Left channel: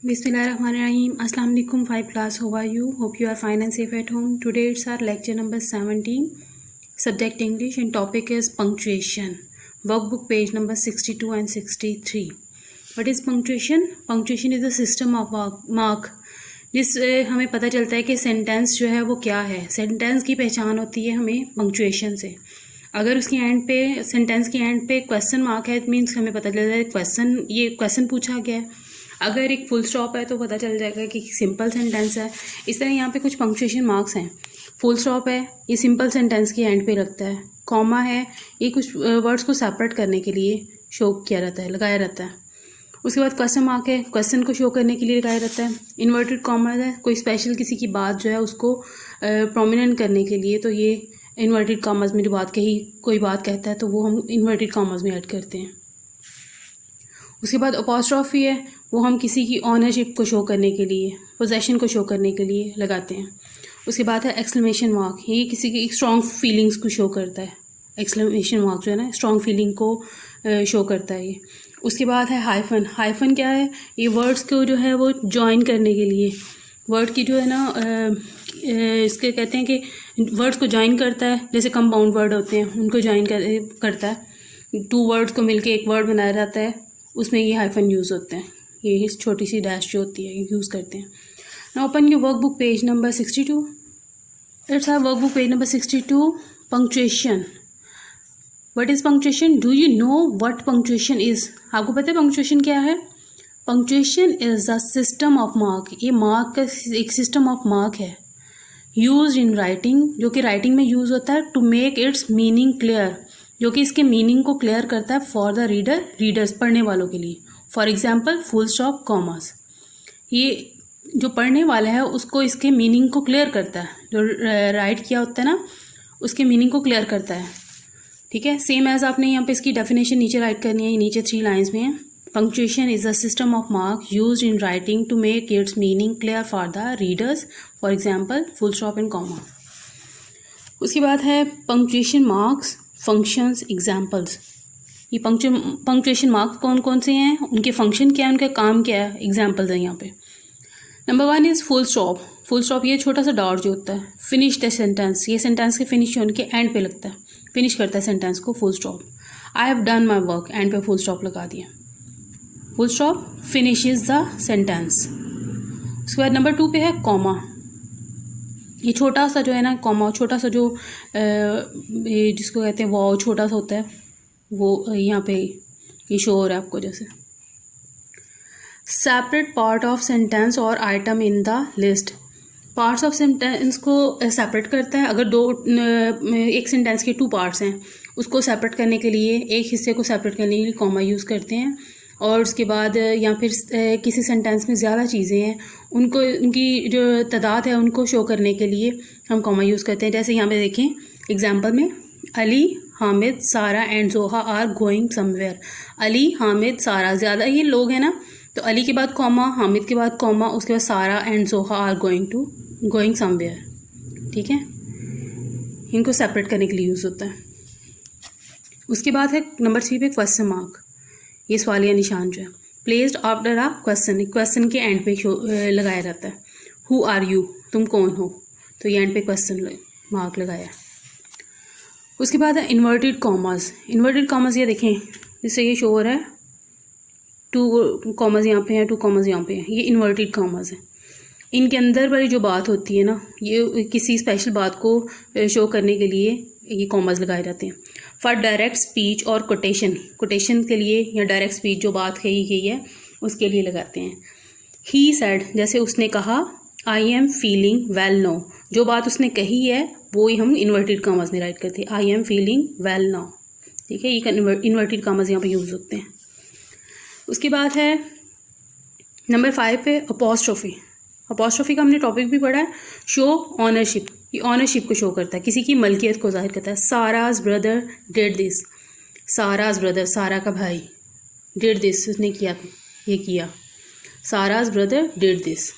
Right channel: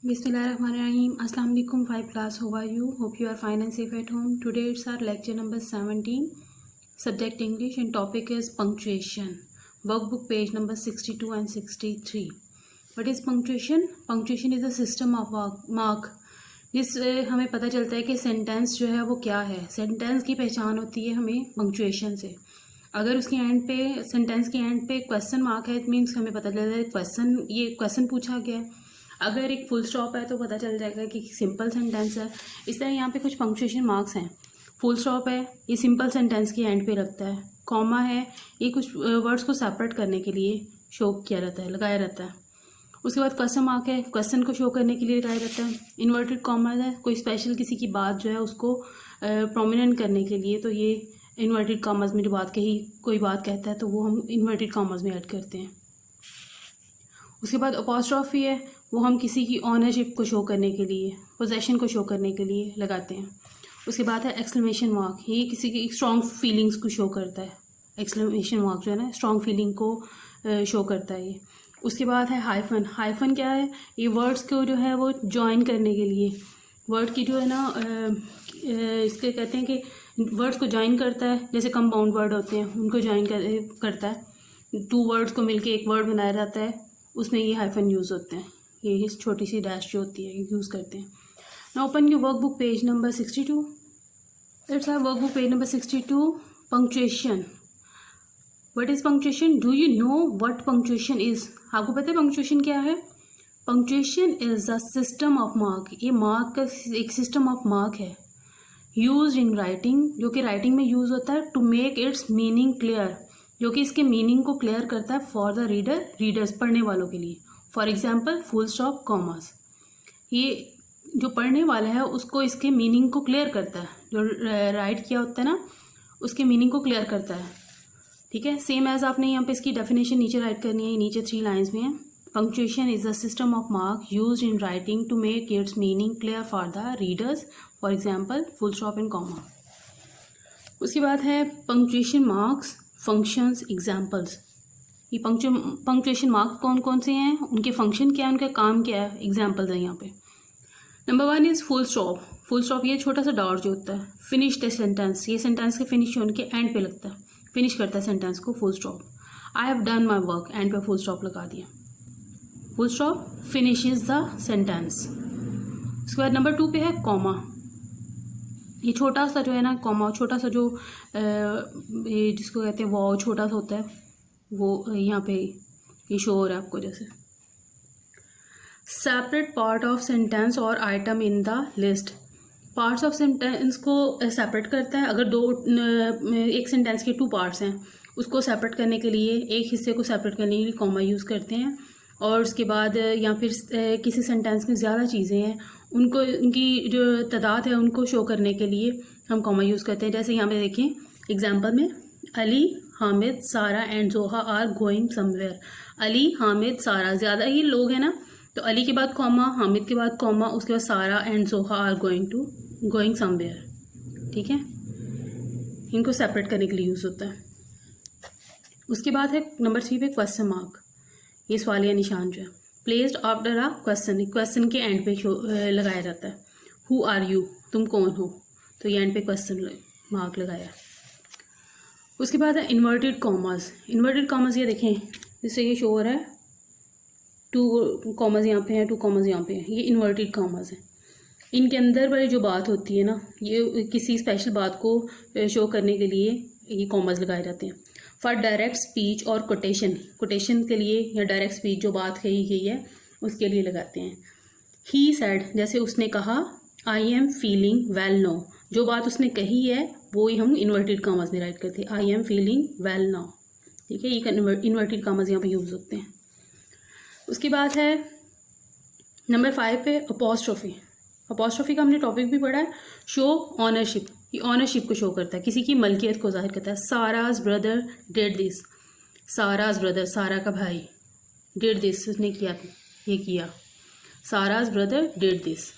Bismillahirrahmanirrahim. Assalamu alaikum 5 class. How are you? Hope you are fine and safe at home. Today it's our lecture number 17. Subject English and topic is punctuation. Workbook page number 62 and 63. What is punctuation? Punctuation is the system of mark. जिससे हमें पता चलता है कि sentence जो है वो क्या है. सेंटेंस की पहचान होती है हमें पंक्चुएशन से. अगर उसकी एंड पे सेंटेंस की एंड पे क्वेश्चन मार्क है इट मीन्स हमें पता चल जाता है ये क्वेश्चन पूछा गया है. अगर एक फुल स्टॉप है तो पता चल जाएगा कि सिंपल सेंटेंस है. इस तरह यहाँ पे कुछ पंक्चुएशन मार्क्स हैं. फुल स्टॉप है ये सिंपल सेंटेंस की एंड पे लगता है. कॉमा है ये कुछ वर्ड्स को सेपरेट करने के लिए शो किया रहता है, लगाया रहता है. उसके बाद क्वेश्चन मार्क है क्वेश्चन को शो करने के लिए लगाया रहता है. इन्वर्टेड कॉमा है कोई स्पेशल किसी की बात जो है उसको प्रोमिनेंट करने के लिए, तो ये इन्वर्टेड कॉमर्स में जो बात कही कोई बात कहता है तो वो हम इन्वर्टेड कॉमर्स में ऐड करते हैं. उसके बाद अपॉस्ट्रॉफी है वो हम किसी की ऑनरशिप को शो करने के लिए, पोजेशन को शो करने के लिए लगाते हैं. उसके बाद है एक्सक्लेमेशन मार्क, ये किसी की स्ट्रॉन्ग फीलिंग्स को शो करता है. एक्सक्लेमेशन मार्क जो है ना स्ट्रॉन्ग फीलिंग को शो करता है ये. उसके बाद है हाइफन. हाइफन क्या है? ये वर्ड्स को जो है वो जॉइन करने के लिए, वर्ड की जो है ना इसके कहते हैं कि वर्ड्स को जॉइन करता है. जैसे कंपाउंड वर्ड होते हैं उनको जॉइन करता है. टू वर्ड्स को मिलके एक वर्ड बनाया जाता है, उसमें ये हाइफन यूज़ होते हैं. ये छोटी सी डैश जो होती है ये यूज़ करते हैं. Now open your workbook page number 62. Let's have workbook page number 62. Punctuation. What is punctuation? Do you know what punctuation is? आपको पता है पंक्चुएशन क्या है? Punctuation is the system of mark. ये मार्क का एक सिस्टम ऑफ मार्क है. Use in writing, जो कि राइटिंग में यूज़ होता है. To make its meaning clear, जो कि इसके मीनिंग को क्लियर करता है. फॉर द रीडर्स पढ़ने वालों के लिए. For example full stop commas, ये जो पढ़ने वाला है उसको इसके मीनिंग को क्लियर करता है. जो राइट किया होता है ना उसके मीनिंग को क्लियर करता है. ठीक है. सेम एज आपने यहाँ पे इसकी डेफिनेशन नीचे राइट करनी है, नीचे 3 लाइन्स में है. Punctuation is a system of mark use in writing to make its meaning clear for the readers. For example full stop and comma. उसके बाद है पंक्चुएशन मार्क्स, फंक्शंस, एग्जाम्पल्स. ये पंक्चुएशन मार्क्स कौन कौन से हैं, उनके फंक्शन क्या है, उनका काम क्या है, एग्जाम्पल्स हैं यहाँ पे. Number 1 is full stop. Full stop ये छोटा सा डॉट जो होता है. फिनिश द सेंटेंस, ये सेंटेंस के फिनिश होने के एंड पे लगता है, फिनिश करता है सेंटेंस को. Full stop. I have done my work, and पे फुल स्टॉप लगा दिया. Full stop finishes the sentence. उसके बाद नंबर 2 पे है कॉमा. ये छोटा सा जो है ना कॉमा, छोटा सा जो जिसको कहते हैं वो छोटा सा होता है, वो यहाँ पे ये शो हो रहा है आपको. जैसे सेपरेट पार्ट ऑफ सेंटेंस और item in the list. Parts of sentence को सेपरेट करता है. अगर एक सेंटेंस के 2 पार्ट्स हैं उसको सेपरेट करने के लिए, एक हिस्से को सेपरेट करने के लिए कॉमा यूज़ करते हैं. और उसके बाद या फिर किसी सेंटेंस में ज़्यादा चीज़ें हैं उनको, उनकी जो तादाद है उनको शो करने के लिए हम कॉमा यूज़ करते हैं. जैसे यहाँ पे देखें एग्जांपल में, Ali, Hamid, Sara and Zoha are going somewhere. Ali, Hamid, Sara, ज़्यादा ये लोग हैं ना, तो अली के बाद कॉमा, हामिद के बाद कॉमा, उसके बाद सारा and Zoha are going somewhere. ठीक है. इनको सेपरेट करने के लिए यूज़ होता है. उसके बाद है नंबर 3 पे क्वेश्चन मार्क. ये सवालिया निशान जो है placed after a question, question के एंड पे लगाया जाता है. हु आर यू, तुम कौन हो, तो ये एंड पे क्वेश्चन मार्क लगाया है. उसके बाद है इन्वर्टेड कॉमर्स. इन्वर्टेड कॉमर्स ये देखें जिससे ये शो हो रहा है 2 कॉमर्स यहाँ पे हैं, 2 कॉमर्स यहाँ पे हैं. ये इन्वर्टेड कॉमर्स है. इनके अंदर वाली जो बात होती है ना, ये किसी स्पेशल बात को शो करने के लिए ये कॉमर्स लगाए जाते हैं. फॉर डायरेक्ट स्पीच और कोटेशन के लिए या डायरेक्ट स्पीच जो बात कही गई है उसके लिए लगाते हैं. ही सेड, जैसे उसने कहा. I am feeling well now, जो बात उसने कही है वो हम इन्वर्टेड कॉमर्स में राइट करते हैं. I am feeling well now. ठीक है. ये इन्वर्टेड कॉमर्स यहाँ पे यूज़ होते हैं. उसके बाद है नंबर 5 पे अपॉस्ट्रोफी. अपॉस्ट्रोफी का हमने टॉपिक भी पढ़ा है. शो ऑनरशिप, ये ऑनरशिप को शो करता है, किसी की मलकियत को जाहिर करता है. साराज ब्रदर डिड दिस. साराज ब्रदर, सारा का भाई, डिड दिस, उसने किया, ये किया. साराज ब्रदर डिड दिस,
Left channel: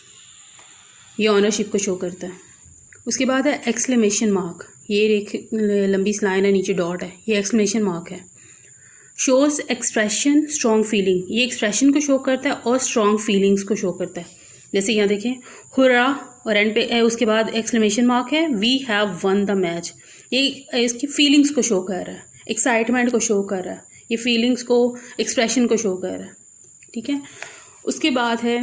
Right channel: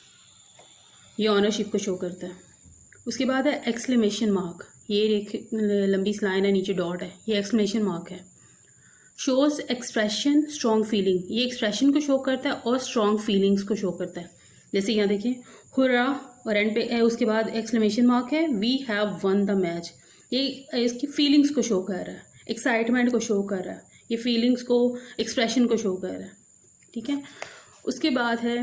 ये ऑनरशिप को शो करता है. उसके बाद है एक्सक्लेमेशन मार्क. ये एक लंबी लाइन है, नीचे डॉट है, ये एक्सक्लेमेशन मार्क है. शोज एक्सप्रेशन स्ट्रॉन्ग फीलिंग, ये एक्सप्रेशन को शो करता है और स्ट्रॉन्ग फीलिंग्स को शो करता है। जैसे यहाँ देखें हुर्रा और एंड पे है, उसके बाद एक्सक्लेमेशन मार्क है, we have won the match. ये इसकी फीलिंग्स को शो कर रहा है, एक्साइटमेंट को शो कर रहा है, ये फीलिंग्स को एक्सप्रेशन को शो कर रहा है। ठीक है, उसके बाद है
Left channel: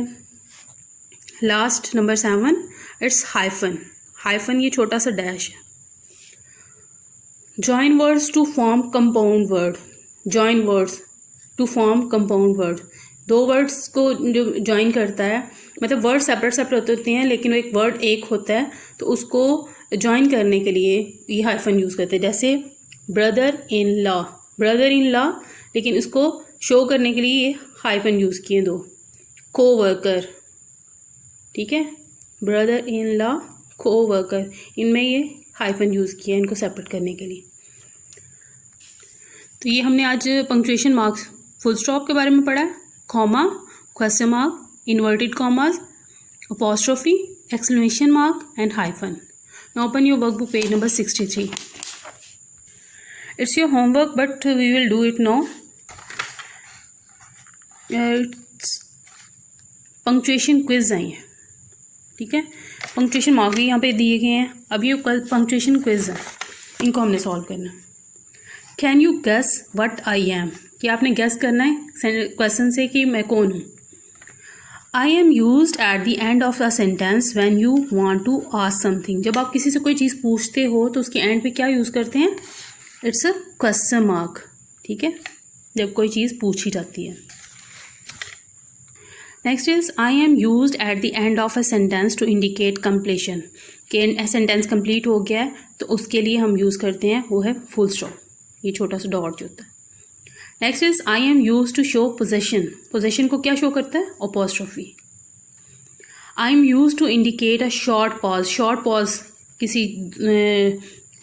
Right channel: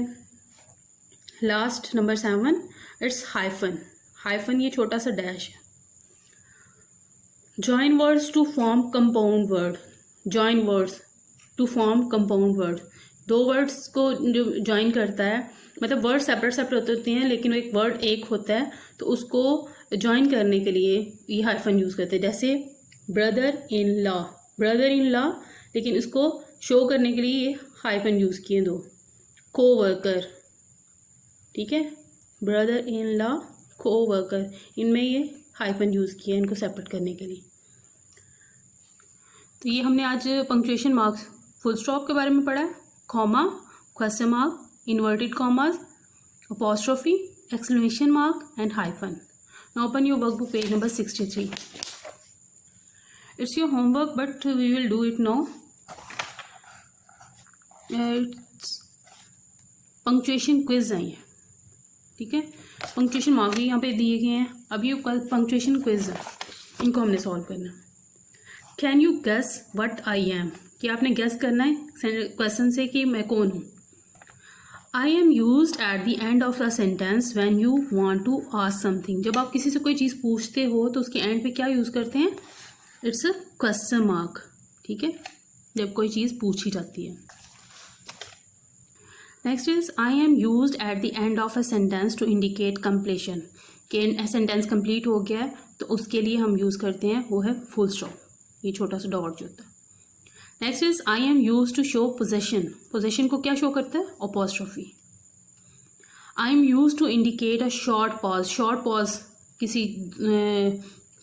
last number 7, it's hyphen. Hyphen ये छोटा सा डैश है। Join words to form compound word, join words to form compound word, दो वर्ड्स को जो जॉइन करता है, मतलब वर्ड सेपरेट सेपरेट होते हैं लेकिन वो एक वर्ड एक होता है, तो उसको जॉइन करने के लिए ये हाइफन यूज़ करते हैं। जैसे brother in law, brother in law, लेकिन इसको शो करने के लिए ये हाइफन यूज़ किए दो। कोवर्कर, ठीक है, ब्रदर इन लॉ, कोवर्कर, इनमें ये हाइफन यूज़ किया इनको सेपरेट करने के लिए। तो ये हमने आज पंक्चुएशन मार्क्स, फुल स्टॉप के बारे में पढ़ा है, comma, question mark, inverted commas, apostrophe, exclamation mark and hyphen. Now open your workbook page number 63. It's your homework but we will do it now. Punctuation quiz आई है, ठीक है, punctuation mark भी यहाँ पे दिए गए हैं। अब ये पंक्चुएशन क्विज है, इनको हमने सॉल्व करना है। Can you guess what I am, कि आपने गेस करना है क्वेश्चन से कि मैं कौन हूँ। I am used at the end of a sentence when you want to ask something. जब आप किसी से कोई चीज़ पूछते हो तो उसके एंड पे क्या यूज़ करते हैं, इट्स अ क्वेश्चन मार्क, ठीक है, जब कोई चीज़ पूछी जाती है। Next is I am used at the end of a sentence to indicate completion, कि सेंटेंस कंप्लीट हो गया है तो उसके लिए हम यूज़ करते हैं, वो है फुल स्टॉप, ये छोटा सा डॉट जो होता है। Next is I am used to show possession, possession को क्या शो करता है, apostrophe. I am used to indicate a short pause, short pause किसी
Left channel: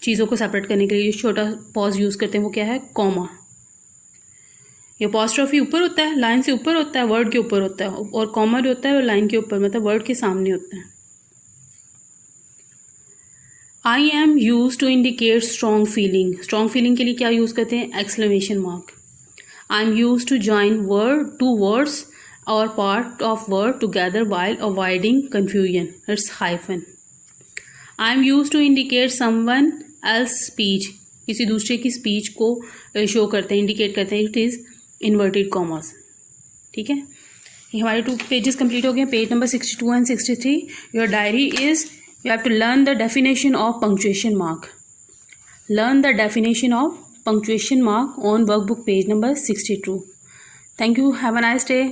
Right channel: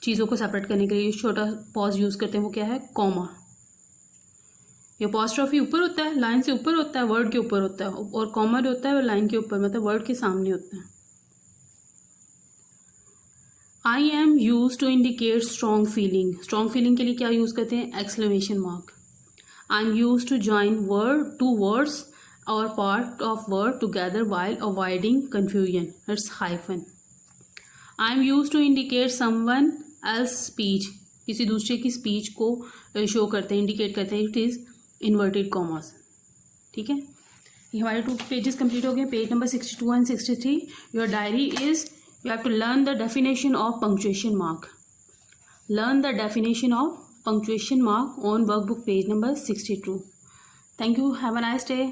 चीज़ों को सेपरेट करने के लिए छोटा पॉज यूज़ करते हैं, वो क्या है, कॉमा। ये अपॉस्ट्रोफी ऊपर होता है, लाइन से ऊपर होता है, वर्ड के ऊपर होता है, और कॉमा जो होता है वो लाइन के ऊपर, मतलब वर्ड के सामने होता है। I am use to indicate strong feeling, strong feeling के लिए क्या यूज़ करते हैं, exclamation mark. I am use to join word to words और part of word together while avoiding confusion, it's hyphen. I am use to indicate someone else speech, किसी दूसरे की speech को शो करते हैं, इंडिकेट करते हैं, इट इज़ इन्वर्टेड कॉमास, ठीक है। ये हमारे 2 पेजेस कंप्लीट हो गए, page number 62 and 63। Your diary is, you have to learn the definition of punctuation mark. Learn the definition of punctuation mark on workbook page number 62. Thank you. Have a nice day.